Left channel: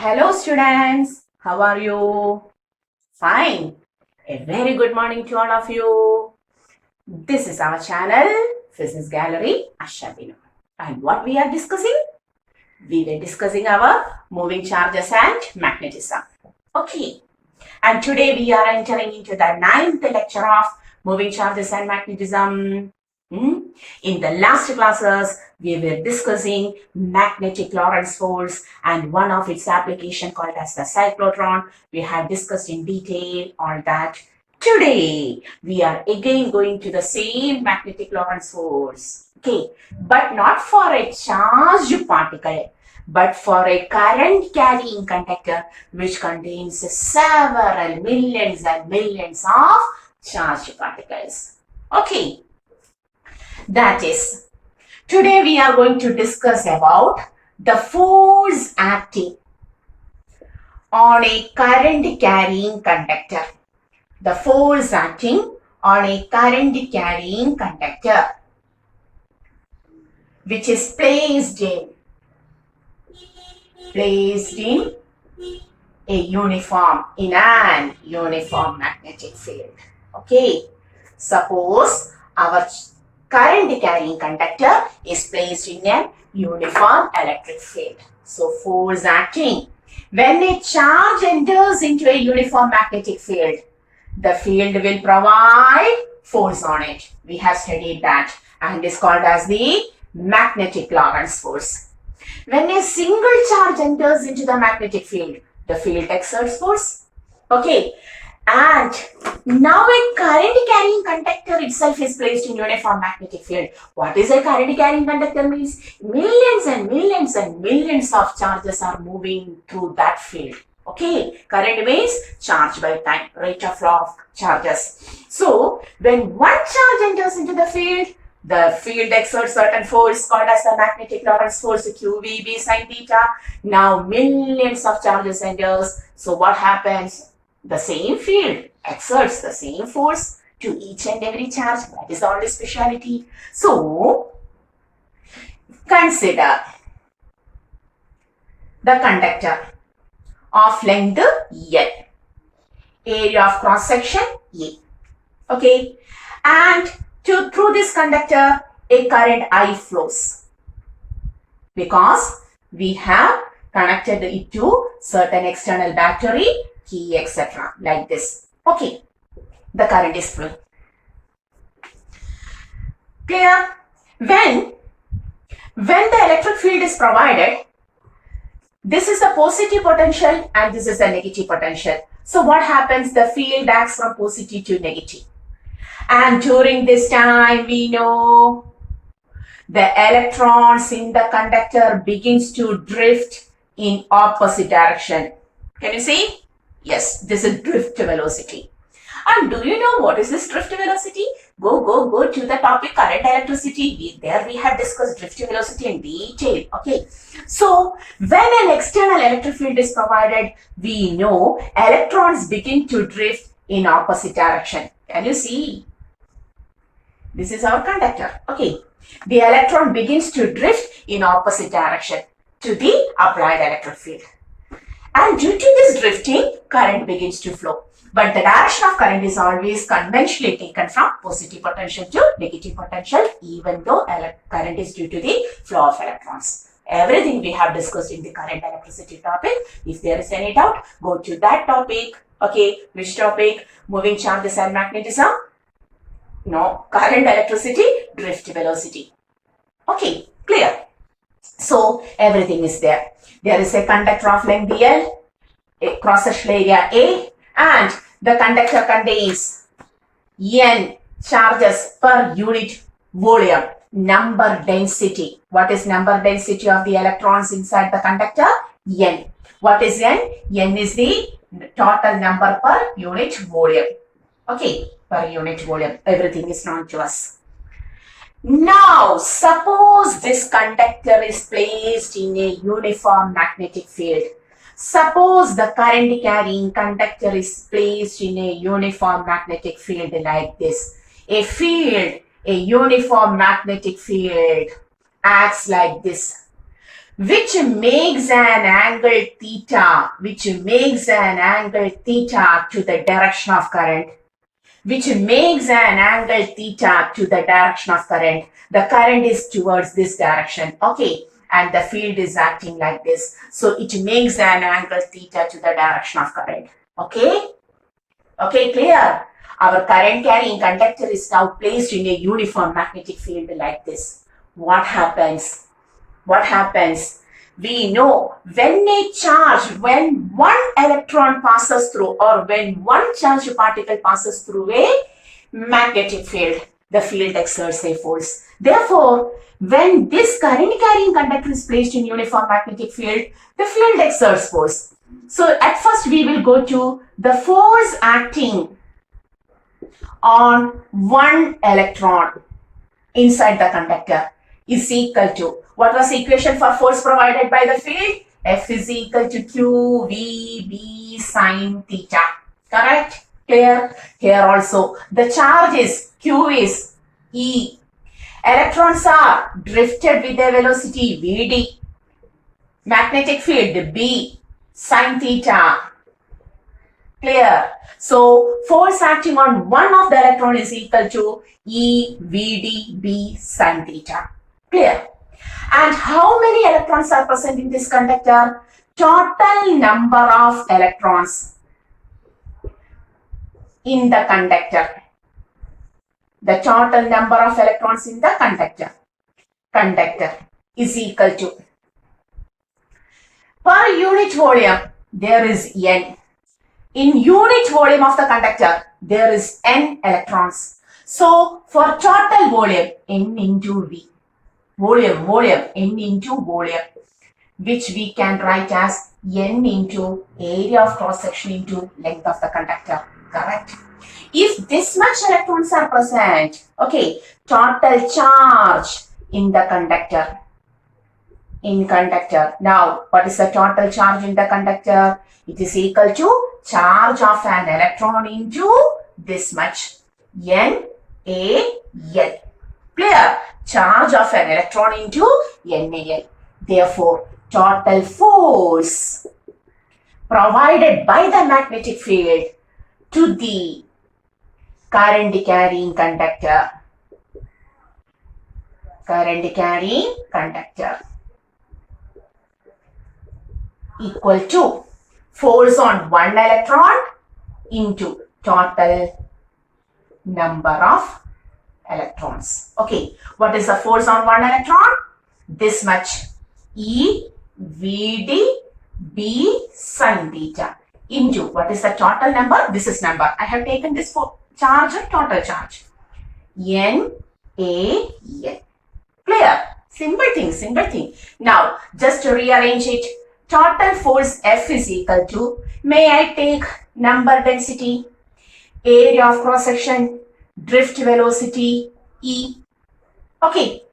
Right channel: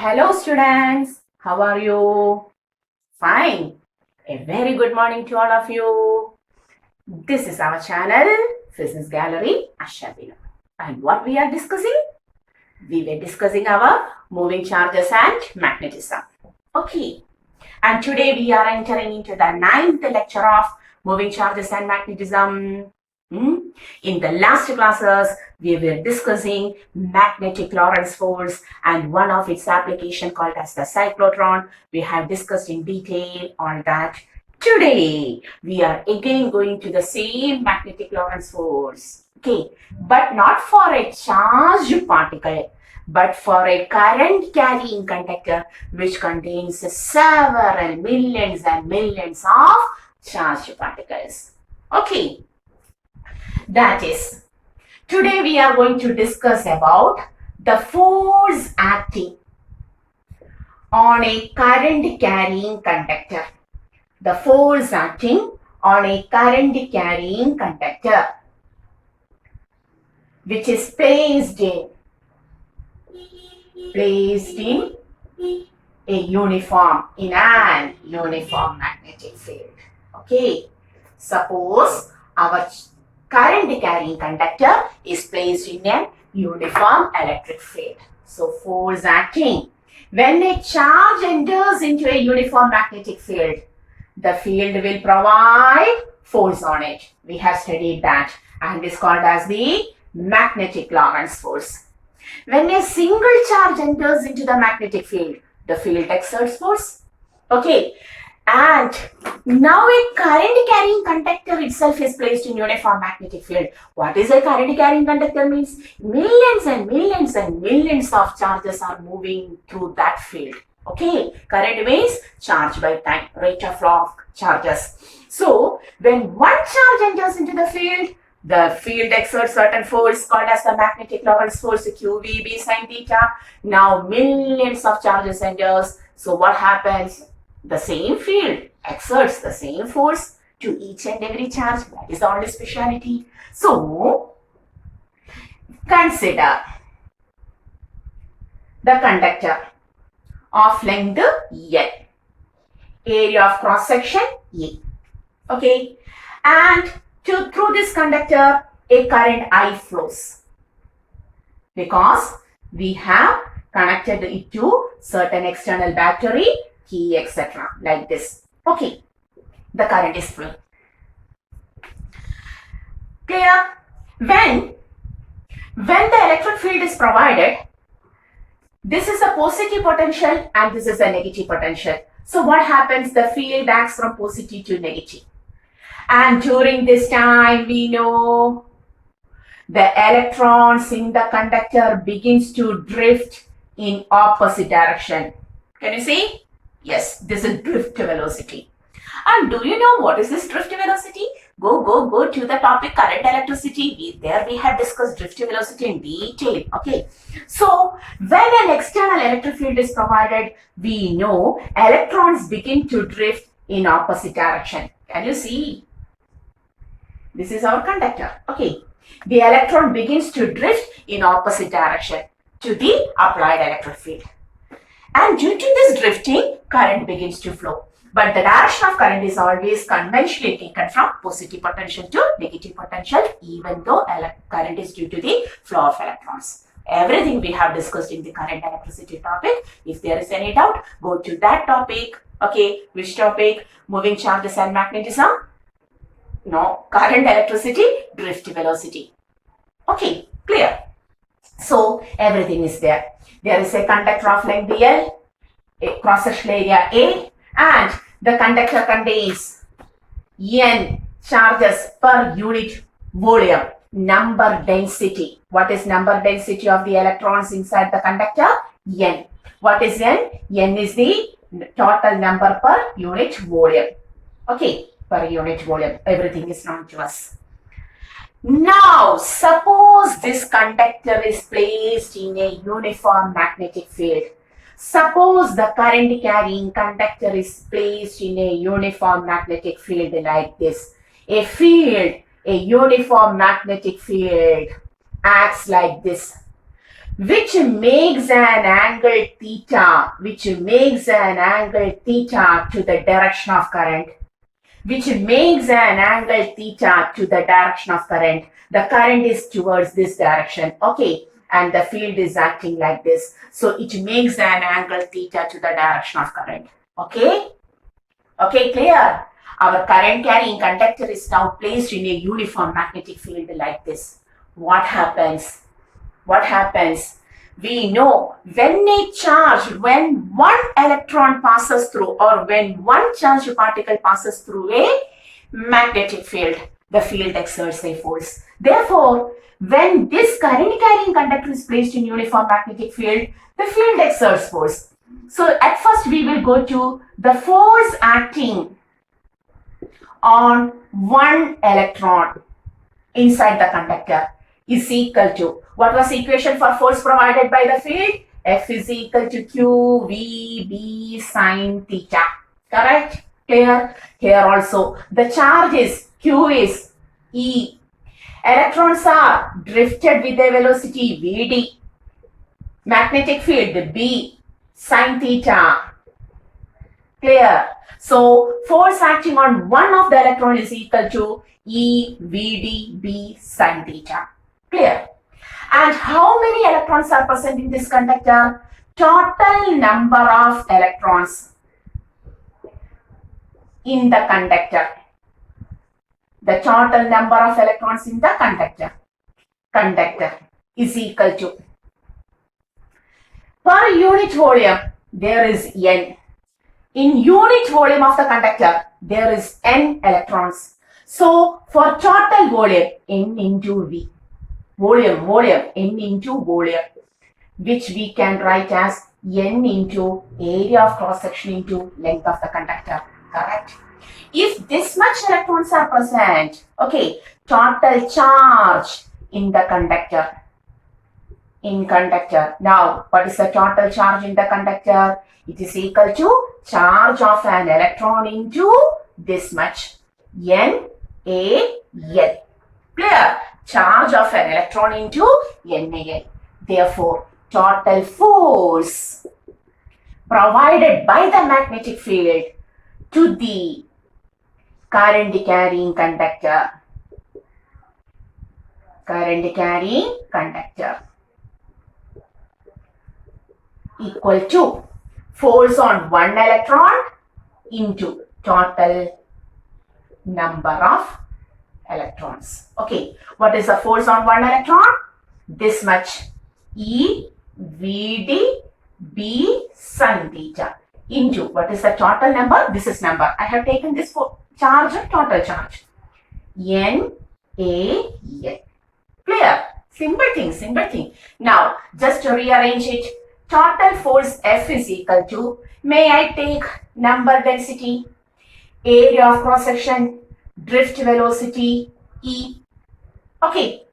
Hello students, how are you? Fine. A very good morning to all of you. This is our channel, Physics Gallery, Ashabino. And what we are discussing? We were discussing our moving charges and magnetism. Okay. And today we are entering into the 9th lecture of moving charges and magnetism. In the last classes, we were discussing magnetic Lorentz force and one of its application called as the cyclotron. We have discussed in detail all that. Today, we are again going to the same magnetic Lorentz force. Okay, but not for a charged particle, but for a current carrying conductor which contains several millions and millions of charged particles. Okay. That is, today we are going to discuss about the force acting on a current carrying conductor. The force acting on a current carrying conductor which is placed in an uniform magnetic field. Okay, suppose our current carrying conductor is placed in a uniform electric field. So force acting. When a charge enters into a uniform magnetic field, the field will provide force on it. We have studied that and is called as the magnetic Lorentz force. When a single charge enters into the magnetic field, the field exerts force. Okay. And now a current carrying conductor itself is placed in uniform magnetic field. What is a current carrying conductor means? Millions and millions and millions of charges are moving through that field. Okay, current means charge by time, rate of flow of charges. So, when one charge enters into the field exerts certain force called as the magnetic Lorentz force, QVB sin theta. Now, millions of charges enters. So, what happens? The same field exerts the same force to each and every charge. That is the only speciality. So, consider the conductor of length L, area of cross section A. Okay, and through this conductor a current I flows because we have connected it to certain external battery, key, etc. like this. Okay, the current is flowing. Clear? When the electric field is provided, this is the positive potential and this is the negative potential. So what happens? The field acts from positive to negative. And during this time, we know the electrons in the conductor begins to drift in opposite direction. Can you see? Yes, this is drift velocity. And do you know what is this drift velocity? Go to the topic current electricity. There we have discussed drift velocity in detail. Okay. So, when an external electric field is provided, we know electrons begin to drift in opposite direction. Can you see? This is our conductor. Okay. The electron begins to drift in opposite direction to the applied electric field. And due to this drifting, current begins to flow. But the direction of current is always conventionally taken from positive potential to negative potential, even though current is due to the flow of electrons. Everything we have discussed in the current electricity topic. If there is any doubt, go to that topic. Okay, which topic? Moving charges and magnetism? No, current electricity, drift velocity. Okay, clear. So, everything is there. There is a conductor of length L, a cross-section area A, and the conductor contains N charges per unit volume, number density. What is number density of the electrons inside the conductor? N. What is N? N is the total number per unit volume. Okay, per unit volume. Everything is known to us. Now, suppose this conductor is placed in a uniform magnetic field. Suppose the current carrying conductor is placed in a uniform magnetic field like this. A uniform magnetic field acts like this. which makes an angle theta, to the direction of current, The current is towards this direction, okay, and the field is acting like this. So it makes an angle theta to the direction of current, okay? Okay, clear? Our current carrying conductor is now placed in a uniform magnetic field like this. What happens? We know when one electron passes through, or when one charged particle passes through a magnetic field, the field exerts a force. Therefore, when this current carrying conductor is placed in uniform magnetic field, the field exerts force. So at first we will go to the force acting on one electron inside the conductor is equal to, what was the equation for force provided by the field? F is equal to Q V B sine theta. Correct? Clear? Here also the charge is Q is E. Electrons are drifted with a velocity Vd. Magnetic field B sine theta. Clear? So force acting on one of the electron is equal to E Vd B sine theta. Clear? And how many electrons are present in this conductor? Total number of electrons in the conductor. The total number of electrons in the conductor is equal to, per unit volume there is N. In unit volume of the conductor there is N electrons. So for total volume, N into V. Volume, N into volume, which we can write as N into area of cross section into length of the conductor. Correct? If this much electrons are present, okay, total charge in the conductor. Now, what is the total charge in the conductor? It is equal to charge of an electron into this much, NaL. Clear? Charge of an electron into NaL. Therefore, total force provided by the magnetic field to the current carrying conductor equal to force on one electron into total number of electrons. Okay, what is the force on one electron? This much, E Vd B sine theta into, what is the total number? This is number. I have taken this for charge and total charge. NaL. Clear? Simple thing. Now, just to rearrange it, total force F is equal to, may I take number density, area of cross section, drift velocity E. Okay,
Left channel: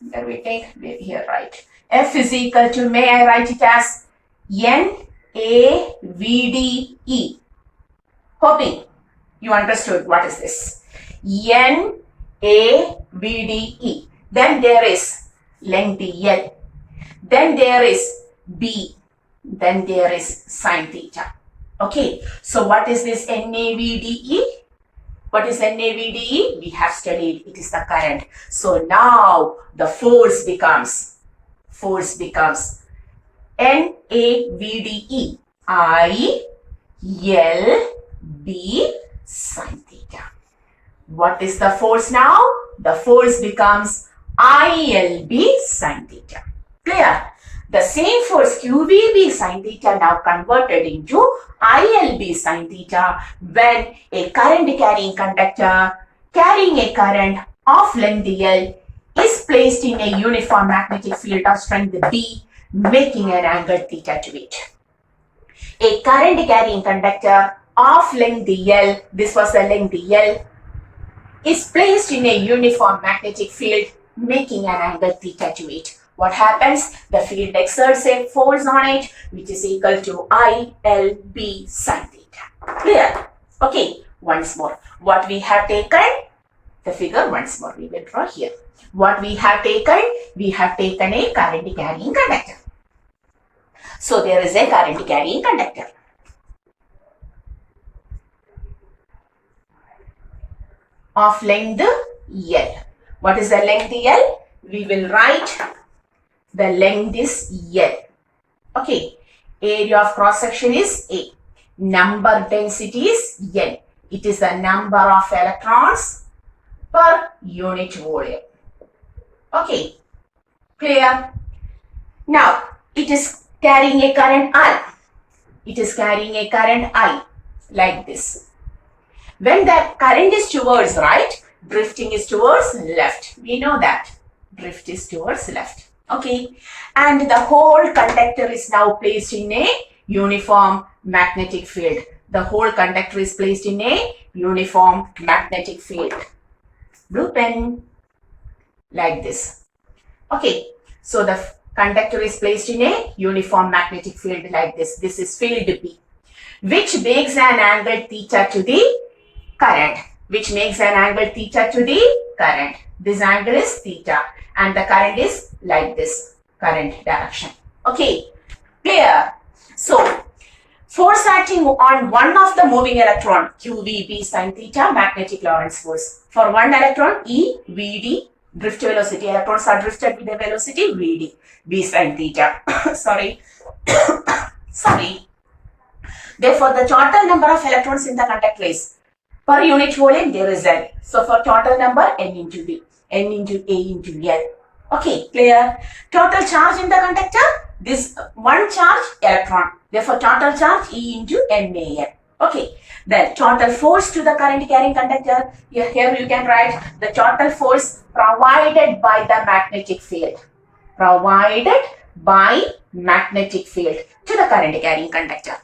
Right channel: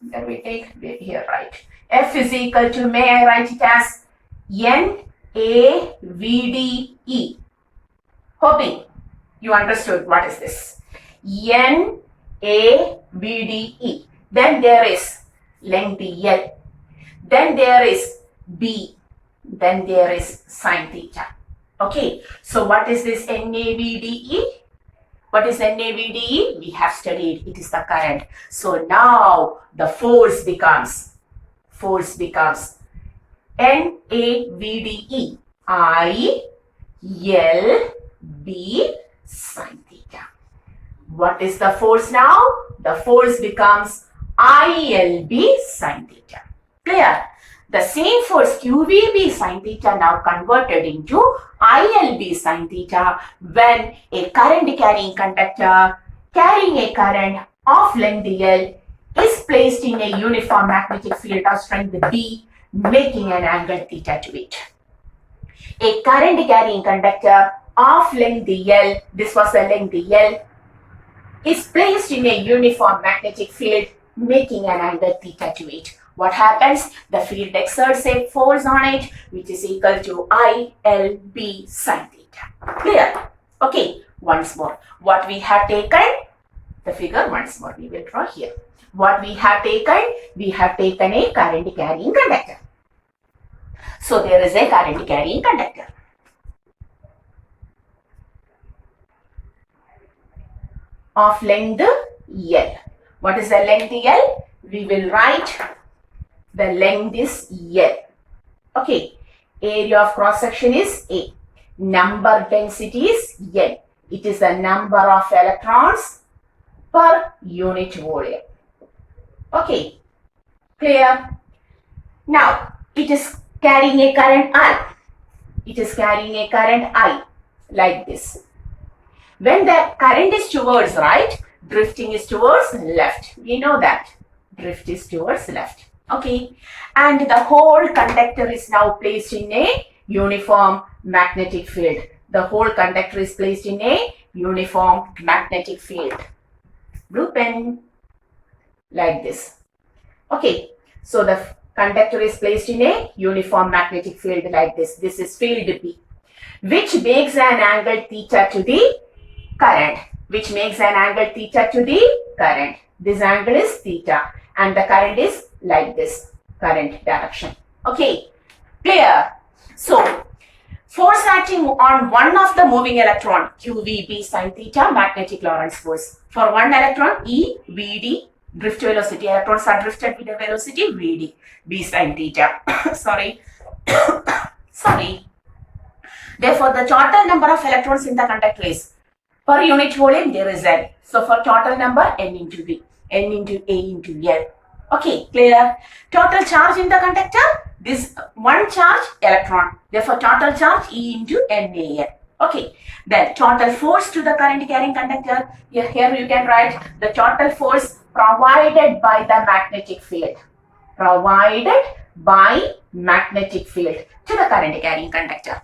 there we take here, right? F is equal to, may I write it as NaVdE. Hoping you understood what is this. NaVdE. Then there is length L. Then there is B. Then there is sine theta. Okay, so what is this NaVdE? What is NaVdE? We have studied. It is the current. So now the force becomes NaVdE ILB sine theta. What is the force now? The force becomes ILB sine theta. Clear? The same force QVB sine theta now converted into ILB sine theta when a current carrying conductor carrying a current of length L is placed in a uniform magnetic field of strength B, making an angle theta to it. A current carrying conductor of length L, this was the length L, is placed in a uniform magnetic field, making an angle theta to it. What happens? The field exerts a force on it, which is equal to ILB sine theta. Clear? Okay, once more. What we have taken, the figure once more we will draw here. What we have taken? We have taken a current carrying conductor. So there is a current carrying conductor. Of length L. What is the length L? We will write the length is L. Okay. Area of cross section is A. Number density is N. It is the number of electrons per unit volume. Okay. Clear? Now, it is carrying a current I. It is carrying a current I like this. When the current is towards right, drifting is towards left. We know that. Drift is towards left. Okay. And the whole conductor is now placed in a uniform magnetic field. The whole conductor is placed in a uniform magnetic field. Blue pen. Like this. Okay. So the conductor is placed in a uniform magnetic field like this. This is field B, which makes an angle theta to the current. Which makes an angle theta to the current. This angle is theta and the current is like this. Current direction. Okay. Clear? So, force acting on one of the moving electron, QVB sin theta, magnetic Lorentz force. For one electron, E, VD, drift velocity. Electrons are drifted with the velocity VD, V sin theta. Sorry. Sorry. Therefore, the total number of electrons in the conductor is per unit volume there is N. So, for total number, N into V, N into A into L. Okay, clear? Total charge in the conductor, this one charge electron. Therefore, total charge E into NaN. Okay, then total force to the current carrying conductor. Here you can write the total force provided by the magnetic field. Provided by magnetic field to the current carrying conductor.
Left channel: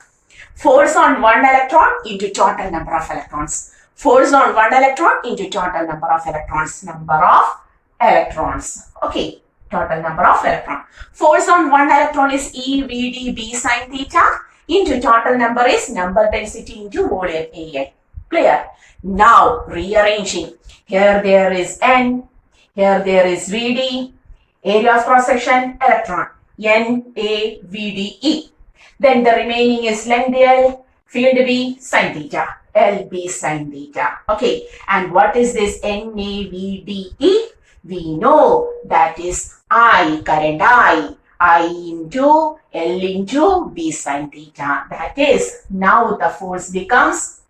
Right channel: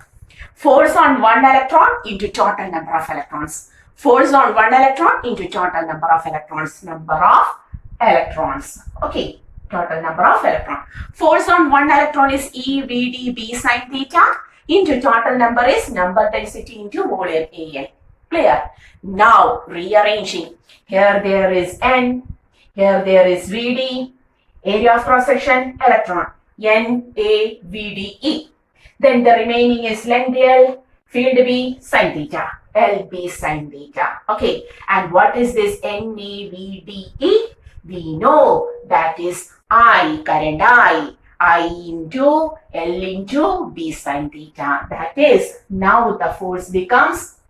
Force on one electron into total number of electrons. Force on one electron into total number of electrons. Number of electrons. Okay, total number of electrons. Force on one electron is E, VD, B sin theta into total number is number density into volume AN. Clear? Now rearranging. Here there is N, here there is VD, area of cross section electron, N, A, VD, E. Then the remaining is length L, field B sin theta, LB sin theta. Okay, and what is this NAVDE? We know that is I, current I into L into B sin theta. That is, now the force becomes,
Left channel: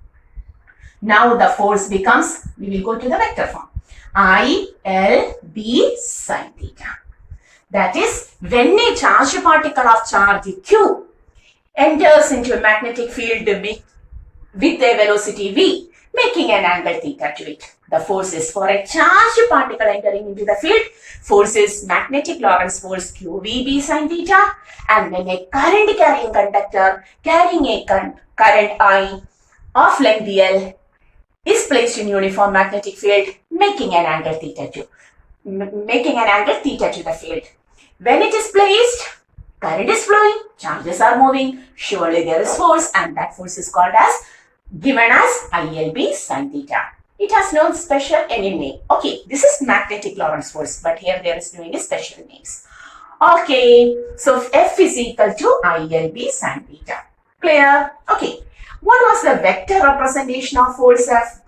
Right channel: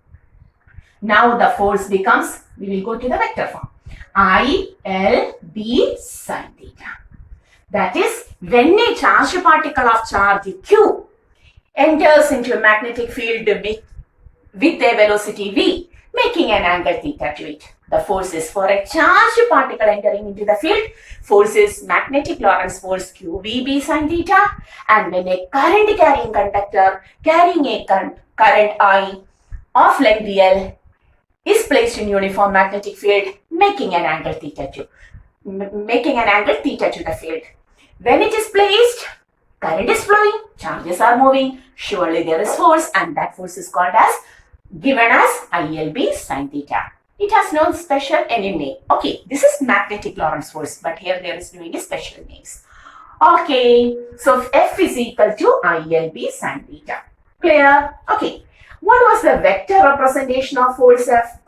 we will go to the vector form. I, L, B sin theta. That is, when a charged particle of charge Q enters into a magnetic field with a velocity V, making an angle theta to it. The force is for a charged particle entering into the field. Force is magnetic Lorentz force QVB sin theta. And when a current carrying conductor carrying a current I of length L is placed in uniform magnetic field, making an angle theta to the field. When it is placed, current is flowing, charges are moving, surely there is force, and that force is called as, given as ILB sin theta. It has no special any name. Okay, this is magnetic Lorentz force, but here there is no any special names. Okay, so F is equal to ILB sin theta. Clear? Okay, what was the vector representation of force F?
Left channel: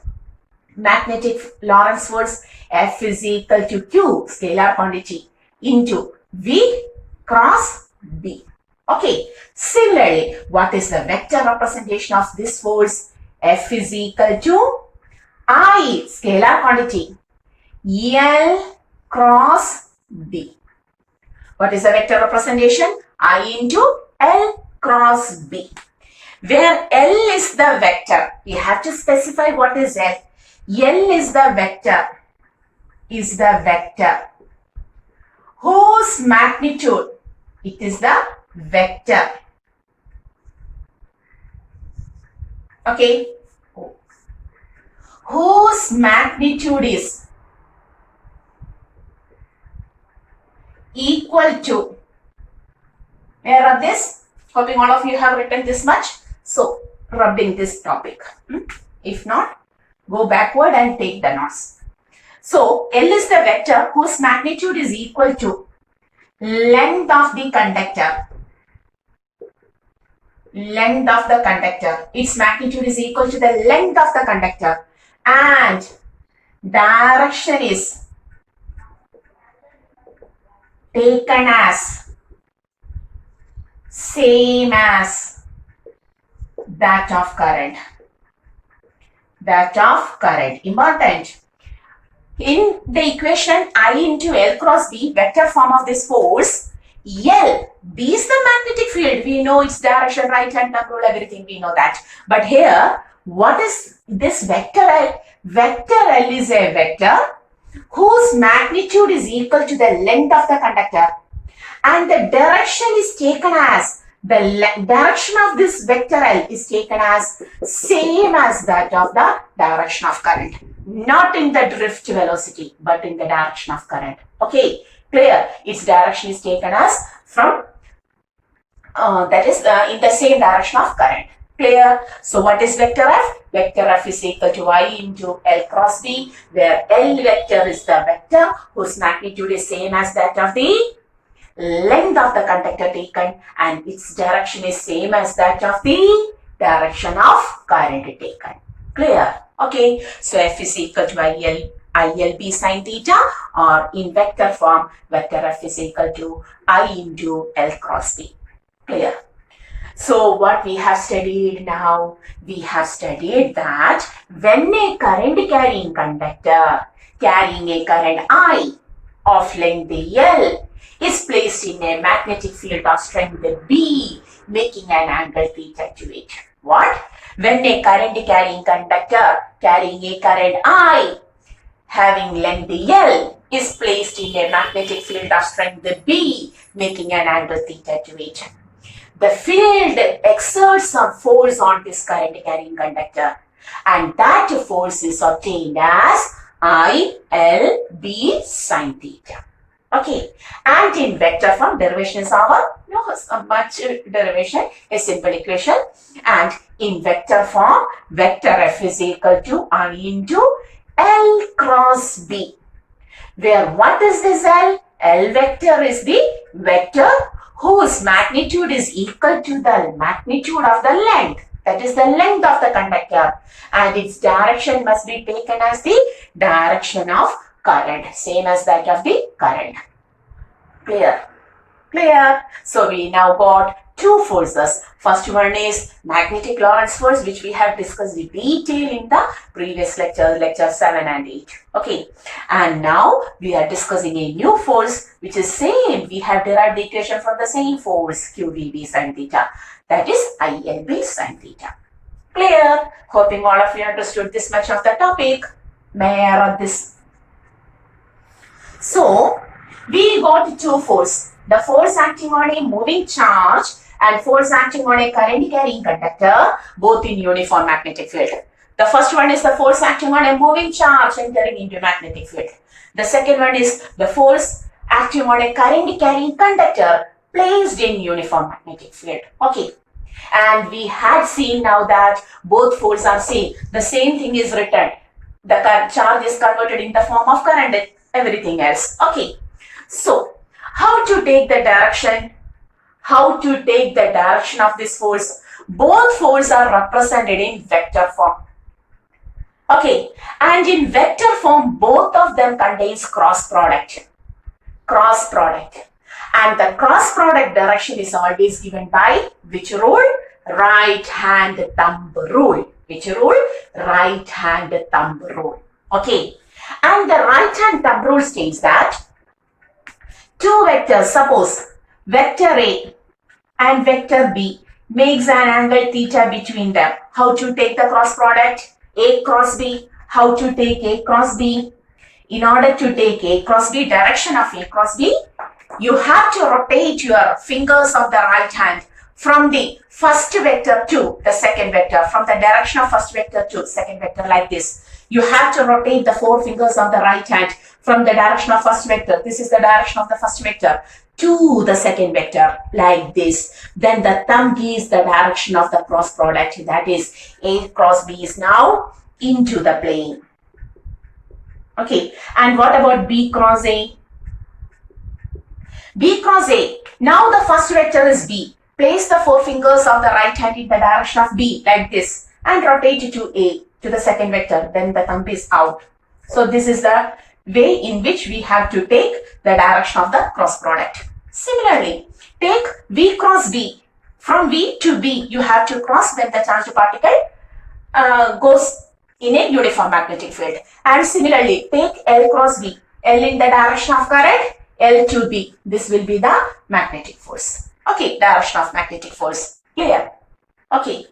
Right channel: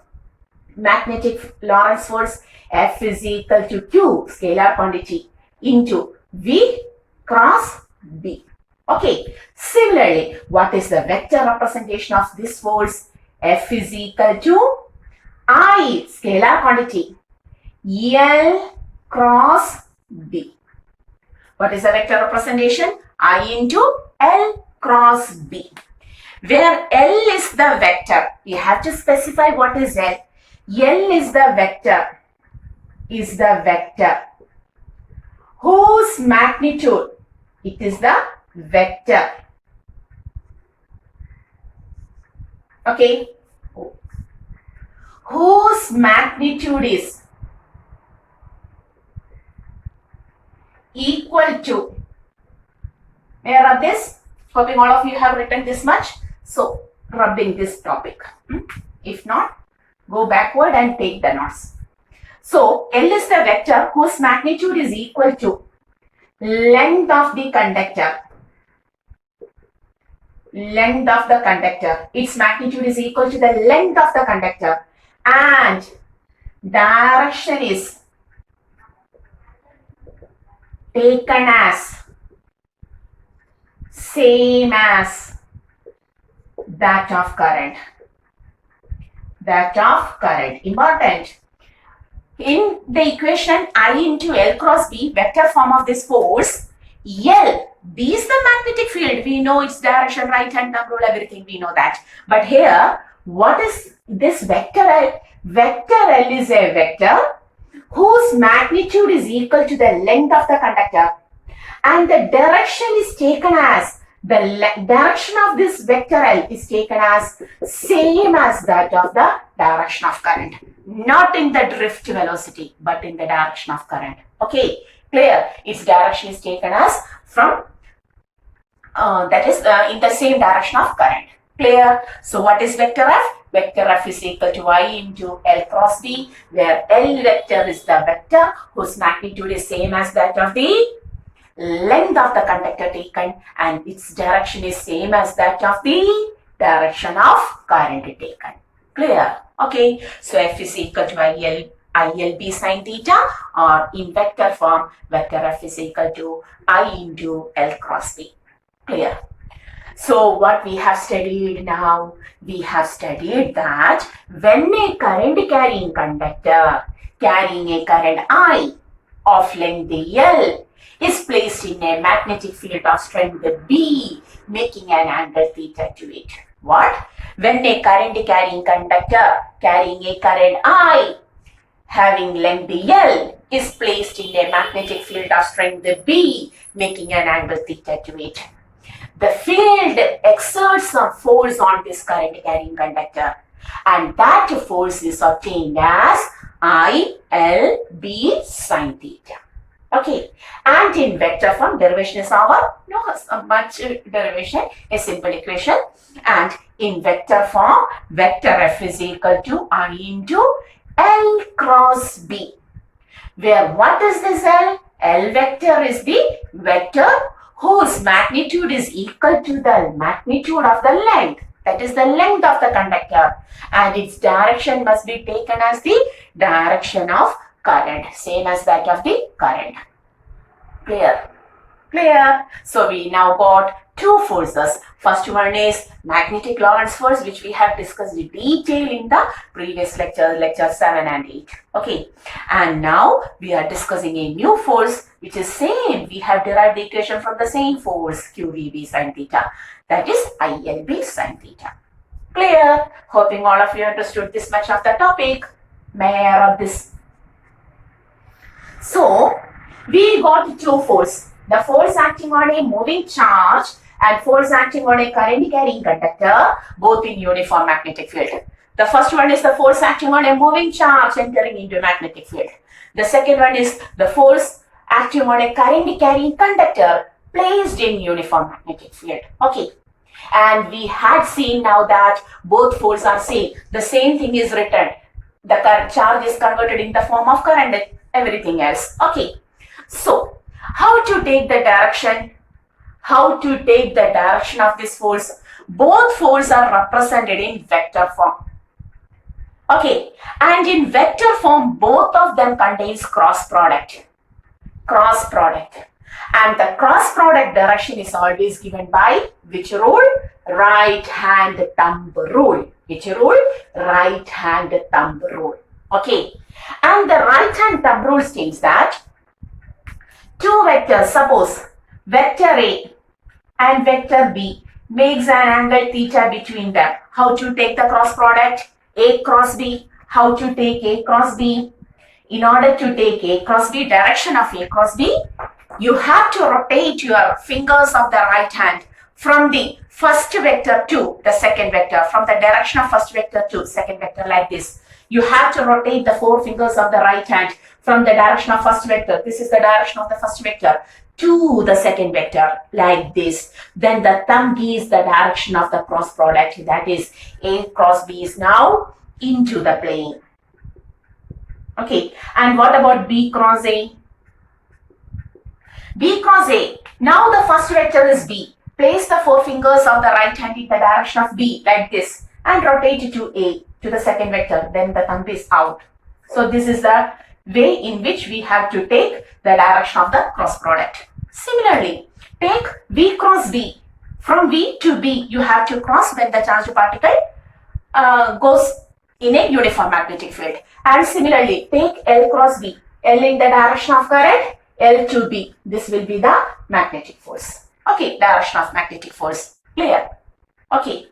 Magnetic Lorentz force F is equal to Q, scalar quantity, into V cross B. Okay, similarly, what is the vector representation of this force? F is equal to I, scalar quantity, L cross B. What is the vector representation? I into L cross B. Where L is the vector, you have to specify what is L. L is the vector, whose magnitude, it is the vector. Okay, whose magnitude is equal to, may I rub this? Hoping all of you have written this much. So, rubbing this topic. If not, go backward and take the notes. So L is the vector whose magnitude is equal to length of the conductor. Length of the conductor. Its magnitude is equal to the length of the conductor. And direction is taken as same as that of current. That of current. Important. In the equation I into L cross B, vector form of this force, L, B is the magnetic field. We know its direction, right hand thumb rule, everything, we know that. But here, what is this vector L? Vector L is a vector whose magnitude is equal to the length of the conductor. And the direction is taken as, the direction of this vector L is taken as same as that of the direction of current. Not in the drift velocity, but in the direction of current. Okay, clear? Its direction is taken as from, that is in the same direction of current. Clear? So what is vector F? Vector F is equal to I into L cross B, where L vector is the vector whose magnitude is same as that of the length of the conductor taken, and its direction is same as that of the direction of current taken. Clear? Okay, so F is equal to ILB sin theta, or in vector form, vector F is equal to I into L cross B. Clear? So what we have studied now, we have studied that when a current carrying conductor carrying a current I of length L is placed in a magnetic field of strength B, making an angle theta to it. What? When a current carrying conductor carrying a current I having length L is placed in a magnetic field of strength B, making an angle theta to it. The field exerts some force on this current carrying conductor, and that force is obtained as ILB sin theta. Okay, and in vector form, derivation is our, much derivation, a simple equation. And in vector form, vector F is equal to I into L cross B, where what is this L? L vector is the vector whose magnitude is equal to the magnitude of the length, that is the length of the conductor, and its direction must be taken as the direction of current, same as that of the current. Clear? Clear? So we now got two forces. First one is magnetic Lorentz force, which we have discussed in detail in the previous lecture, lecture 7 and 8. Okay, and now we are discussing a new force which is same. We have derived the equation from the same force, QVB sin theta, that is ILB sin theta. Clear? Hoping all of you understood this much of the topic. May I rub this? So we got two forces. The force acting on a moving charge and force acting on a current carrying conductor, both in uniform magnetic field. The first one is the force acting on a moving charge entering into magnetic field. The second one is the force acting on a current carrying conductor placed in uniform magnetic field. Okay. And we had seen now that both forces are same. The same thing is written. The charge is converted in the form of current, everything else. Okay. So, how to take the direction? How to take the direction of this force? Both forces are represented in vector form. Okay, and in vector form, both of them contains cross product. Cross product. And the cross product direction is always given by which rule? Right hand thumb rule. Which rule? Right hand thumb rule. Okay, and the right hand thumb rule states that two vectors, suppose vector A and vector B makes an angle theta between them. How to take the cross product? A cross B. How to take A cross B? In order to take A cross B, direction of A cross B, you have to rotate your fingers of the right hand from the first vector to the second vector, from the direction of first vector to second vector, like this. You have to rotate the four fingers of the right hand from the direction of first vector. This is the direction of the first vector to the second vector, like this. Then the thumb gives the direction of the cross product, that is A cross B is now into the plane. Okay, and what about B cross A? B cross A. Now the first vector is B. Place the four fingers of the right hand in the direction of B like this and rotate it to A, to the second vector. Then the thumb is out. So this is the way in which we have to take the direction of the cross product. Similarly, take V cross B. From V to B, you have to cross when the charged particle goes in a uniform magnetic field. And similarly, take L cross B. L in the direction of current, L to B. This will be the magnetic force. Okay, direction of magnetic force. Clear? Okay.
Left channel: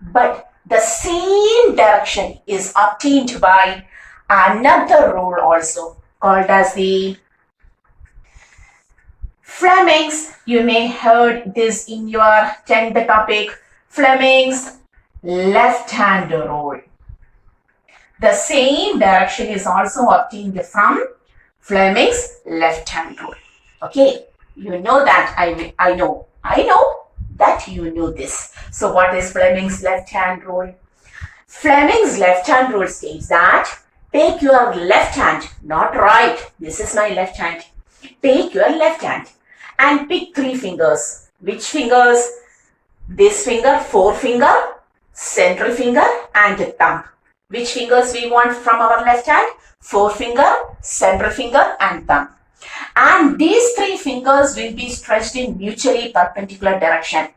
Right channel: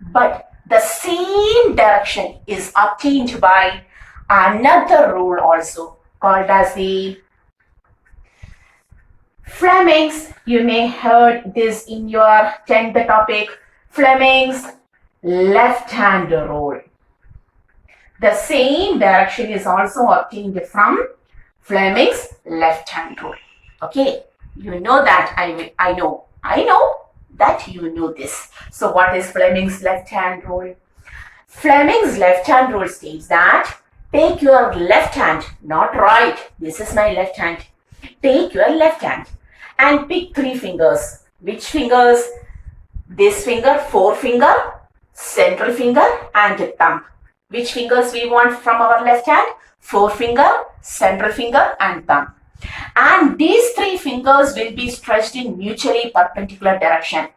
But the same direction is obtained by another rule also called as the Fleming's. You may heard this in your 10th topic, Fleming's left hand rule. The same direction is also obtained from Fleming's left hand rule. Okay, you know that. I know that you know this. So what is Fleming's left hand rule? Fleming's left hand rule states that take your left hand, not right. This is my left hand. Take your left hand and pick three fingers. Which fingers? This finger, forefinger, central finger and thumb. Which fingers we want from our left hand? Forefinger, central finger and thumb. And these three fingers will be stretched in mutually perpendicular direction.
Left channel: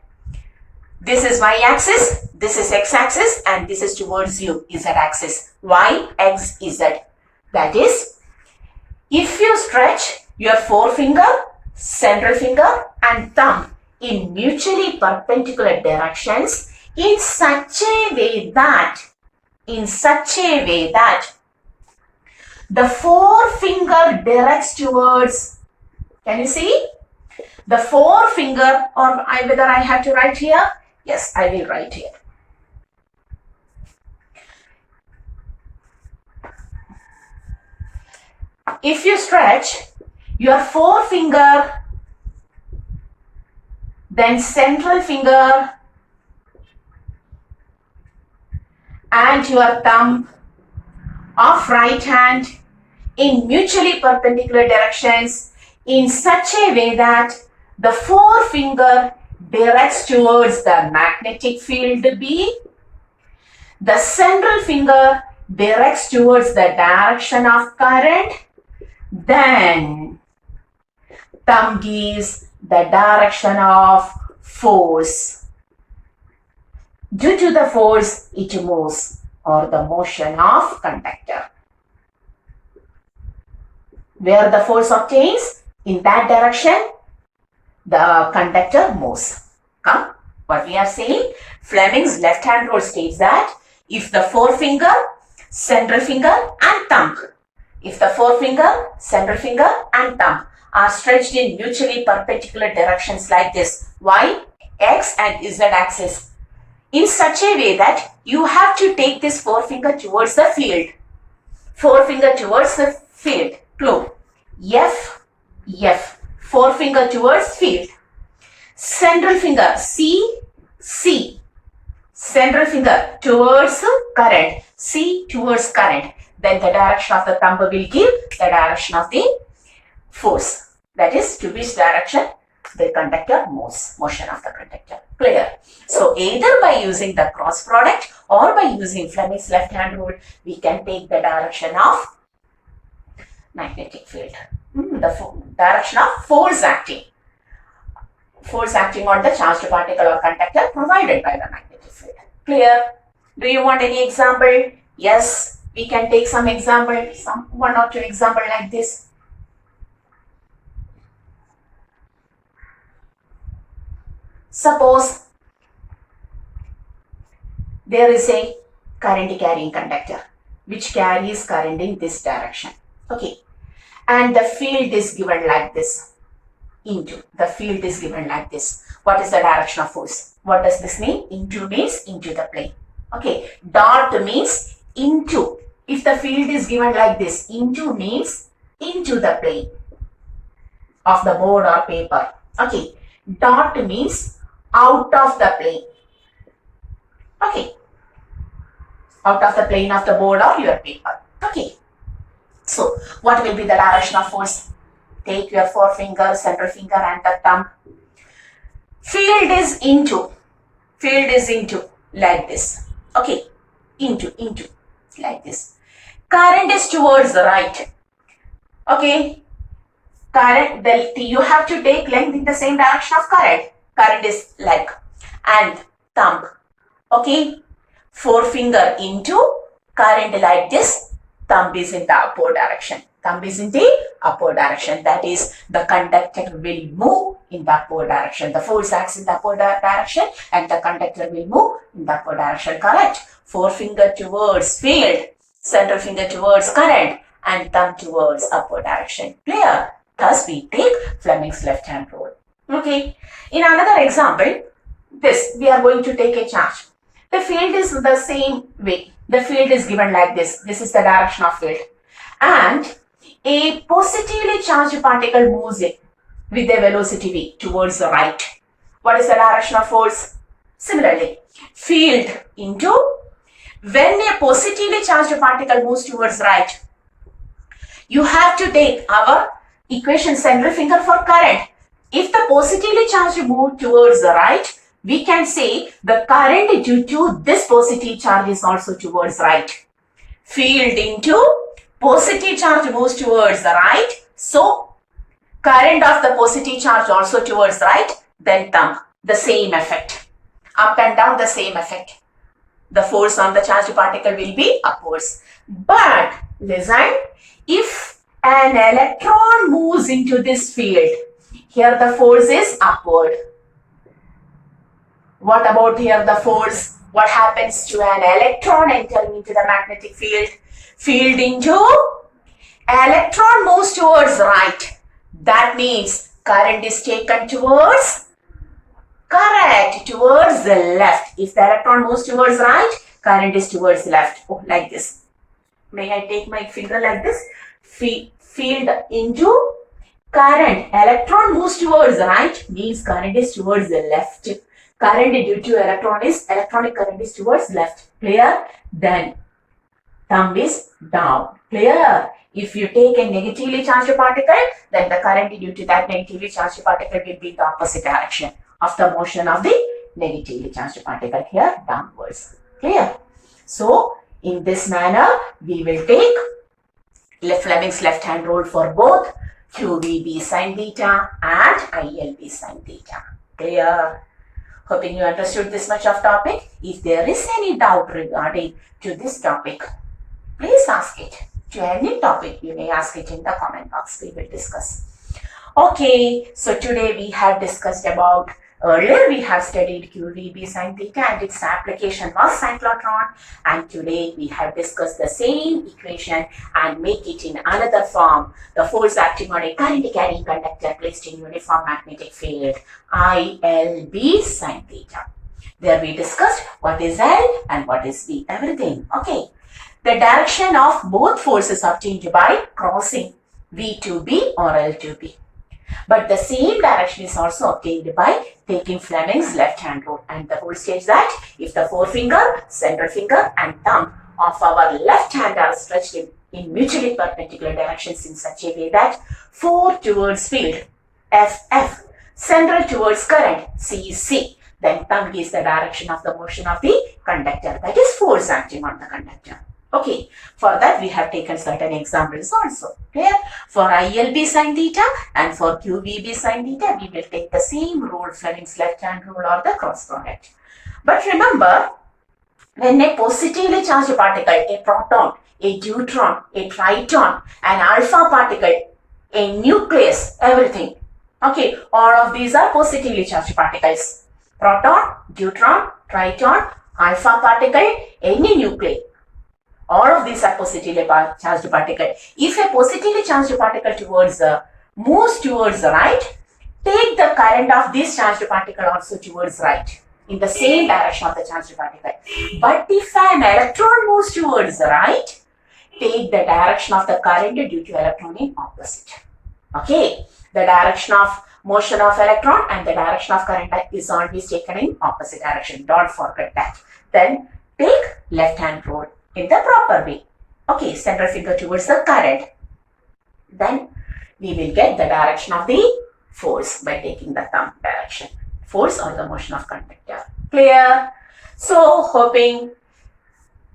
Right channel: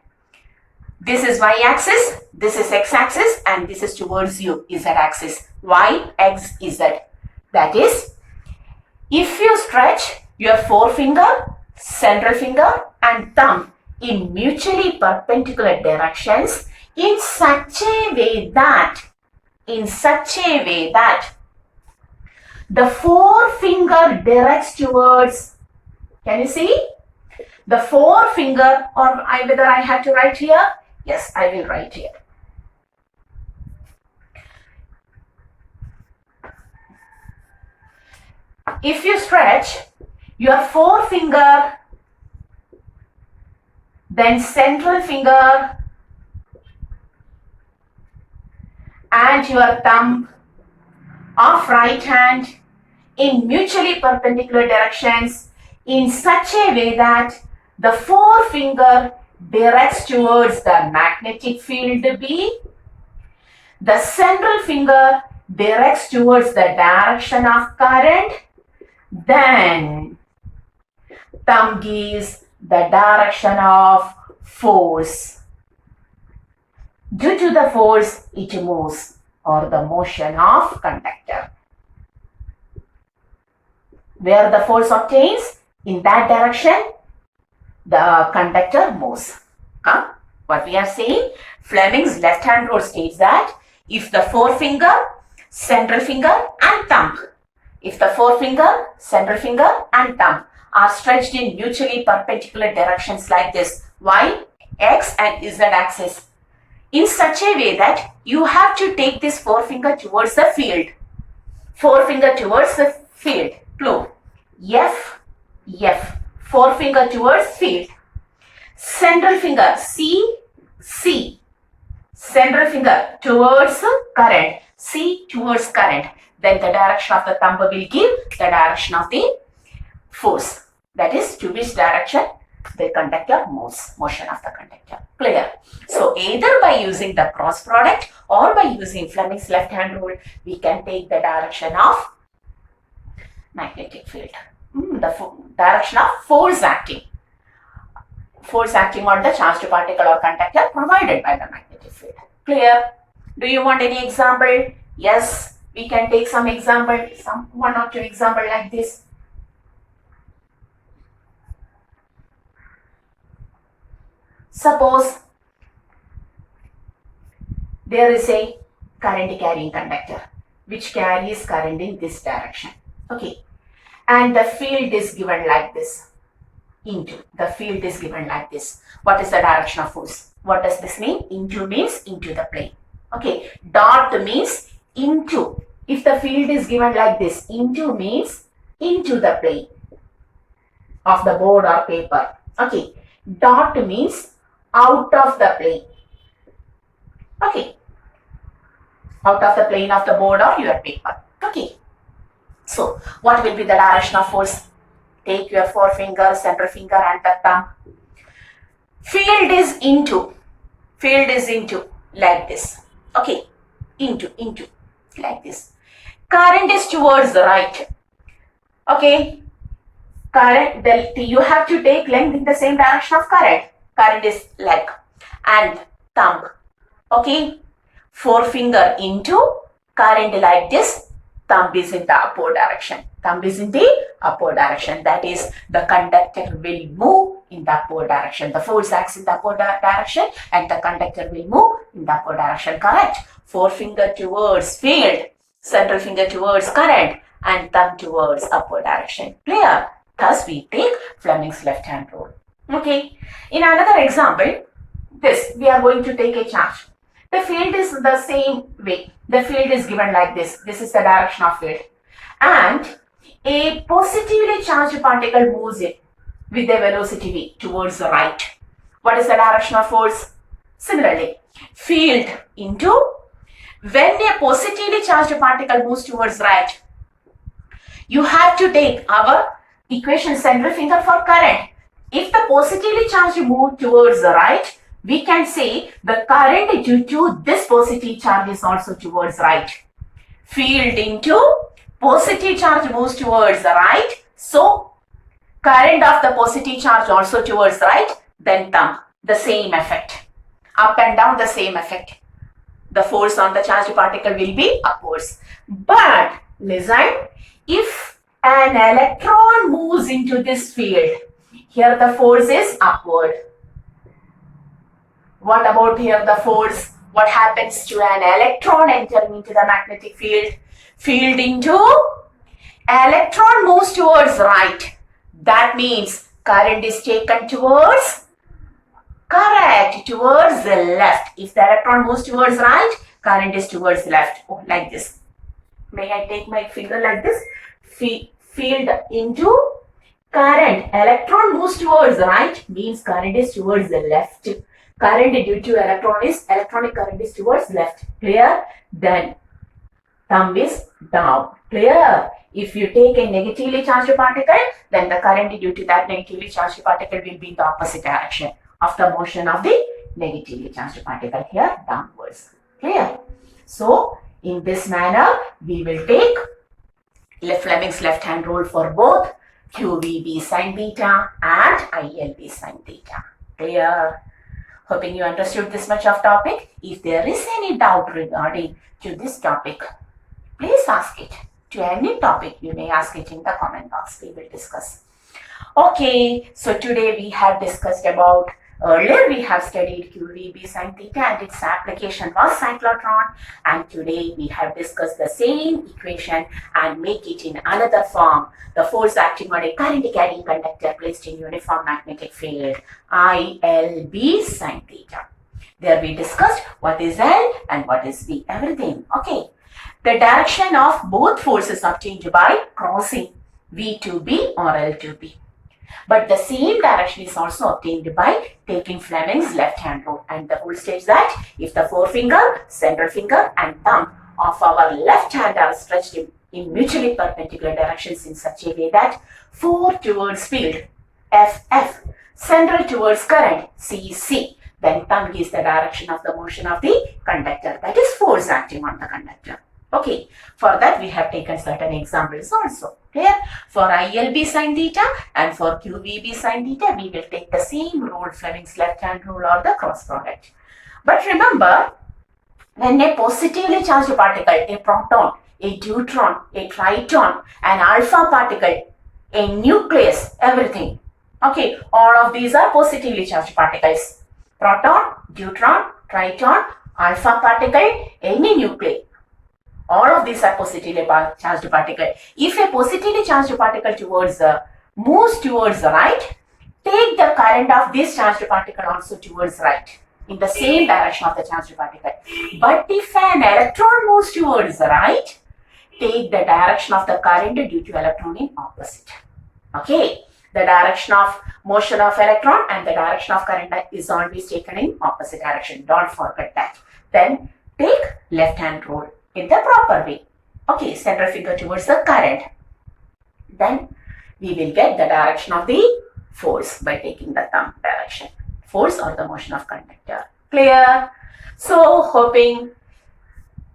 This is y-axis, this is x-axis and this is towards you, z-axis. Y, x, z. That is, if you stretch your forefinger, central finger and thumb in mutually perpendicular directions in such a way that the forefinger directs towards, can you see? The forefinger, or whether I have to write here? Yes, I will write here. If you stretch your forefinger, then central finger and your thumb of right hand in mutually perpendicular directions in such a way that the forefinger directs towards the magnetic field B, the central finger directs towards the direction of current, then thumb gives the direction of force. Due to the force, it moves, or the motion of conductor. Where the force obtains, in that direction, the conductor moves. What we are saying, Fleming's left hand rule states that if the forefinger, central finger and thumb, if the forefinger, central finger and thumb are stretched in mutually perpendicular directions like this, y, x and z axis, in such a way that you have to take this forefinger towards the field. Forefinger towards the field. Clue. F, F. Forefinger towards field. Central finger, C, C. Central finger towards current. C towards current. Then the direction of the thumb will give the direction of the force. That is, to which direction the conductor moves, motion of the conductor. Clear? So either by using the cross product or by using Fleming's left hand rule, we can take the direction of magnetic field. The direction of force acting. Force acting on the charged particle or conductor provided by the magnetic field. Clear? Do you want any example? Yes, we can take some example, one or two example like this. Suppose there is a current carrying conductor which carries current in this direction. Okay. And the field is given like this. The field is given like this. What is the direction of force? What does this mean? Into means into the plane. Okay. Dot means into. If the field is given like this, into means into the plane of the board or paper. Okay. Dot means out of the plane. Okay. Out of the plane of the board or your paper. Okay. So what will be the direction of force? Take your forefinger, center finger and the thumb. Field is into like this. Okay, into like this. Current is towards the right. Okay, current, you have to take length in the same direction of current. Current is leg and thumb. Okay, forefinger into, current like this, thumb is in the upward direction. Thumb is in the upward direction. That is, the conductor will move in the upward direction. The force acts in the upward direction and the conductor will move in the upward direction. Correct? Forefinger towards field, central finger towards current and thumb towards upward direction. Clear? Thus we take Fleming's left hand rule. Okay. In another example, this, we are going to take a charge. The field is the same way. The field is given like this. This is the direction of field. And a positively charged particle moves in with a velocity v towards the right. What is the direction of force? Similarly, field into, when a positively charged particle moves towards right, you have to take our equation central finger for current. If the positively charged move towards the right, we can say the current due to this positive charge is also towards right. Field into, positive charge moves towards the right, so current of the positive charge also towards right, then thumb, the same effect. Up and down, the same effect. The force on the charged particle will be upwards. But listen, if an electron moves into this field, here the force is upward. What about here the force? What happens to an electron entering into the magnetic field? Field into, electron moves towards right. That means current is taken towards, correct, towards the left. If the electron moves towards right, current is towards left. Oh, like this. May I take my finger like this? Field into, current, electron moves towards right, means current is towards the left. Current due to electronic current is towards left. Clear? Then thumb is down. Clear? If you take a negatively charged particle, then the current due to that negatively charged particle will be in the opposite direction of the motion of the negatively charged particle, here downwards. Clear? So, in this manner, we will take Fleming's left hand rule for both QVB sin theta and ILB sin theta. Clear? Hoping you understood this much of topic. If there is any doubt regarding to this topic, please ask it. To any topic, you may ask it in the comment box. We will discuss. Okay, so today we have discussed about, earlier we have studied QVB sin theta and its application was cyclotron, and today we have discussed the same equation and make it in another form. The force acting on a current carrying conductor placed in uniform magnetic field, ILB sin theta. There we discussed what is L and what is B, everything. Okay. The direction of both forces obtained by crossing V to B or L to B. But the same direction is also obtained by taking Fleming's left hand rule. And the rule states that if the forefinger, central finger and thumb of our left hand are stretched in mutually perpendicular directions in such a way that fore towards field, FF, central towards current, CC, then thumb is the direction of the motion of the conductor, that is force acting on the conductor. Okay, for that we have taken certain examples also. Clear? For ILB sin theta and for QVB sin theta, we will take the same rule, Fleming's left hand rule or the cross product. But remember, when a positively charged particle, a proton, a deuteron, a triton, an alpha particle, a nucleus, everything. Okay, all of these are positively charged particles. Proton, deuteron, triton, alpha particle, any nuclei. All of these are positively charged particle. If a positively charged particle moves towards the right, take the current of this charged particle also towards right, in the same direction of the charged particle. But if an electron moves towards the right, take the direction of the current due to electron in opposite. Okay, the direction of motion of electron and the direction of current is always taken in opposite direction. Don't forget that. Then take left hand rule in the proper way. Okay, central finger towards the current. then we will get the direction of the force by taking the thumb direction. Force or the motion of conductor. Clear? So, hoping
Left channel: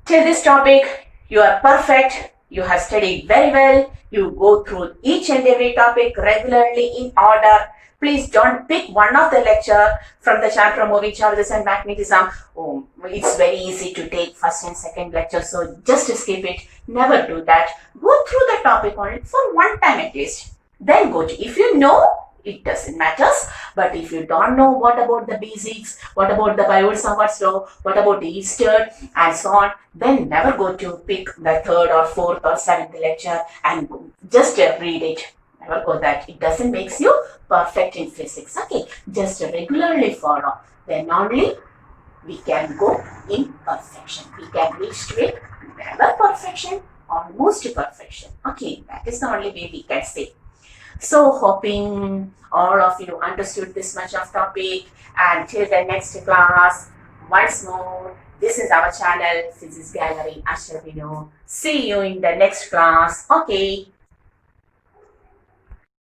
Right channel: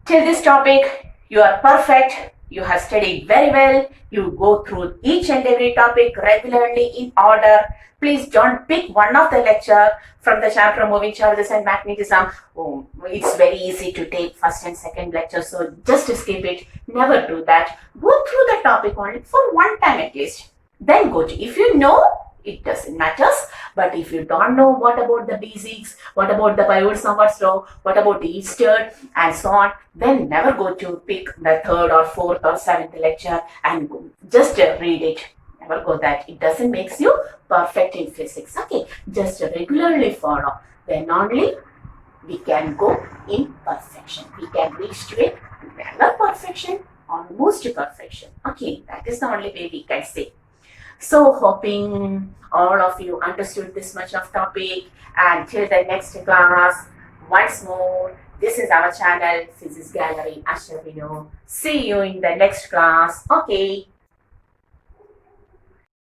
till this topic you are perfect, you have studied very well, you go through each and every topic regularly in order. Please don't pick one of the lecture from the chapter moving charges and magnetism. Oh, it's very easy to take first and second lecture, so just skip it. Never do that. Go through the topic only for one time at least. Then go to, if you know, it doesn't matter. But if you don't know what about the basics, what about the Biot-Savart's law, what about the Eastern and so on, then never go to pick the third or fourth or seventh lecture and just read it. Never go that. It doesn't make you perfect in physics. Okay, just regularly follow. Then only we can go in perfection. We can reach to it. Never perfection, almost perfection. Okay, that is the only way we can say. So hoping all of you understood this much of topic, and till the next class, once more, this is our channel, Physics Gallery Ashar Vinu. See you in the next class. Okay.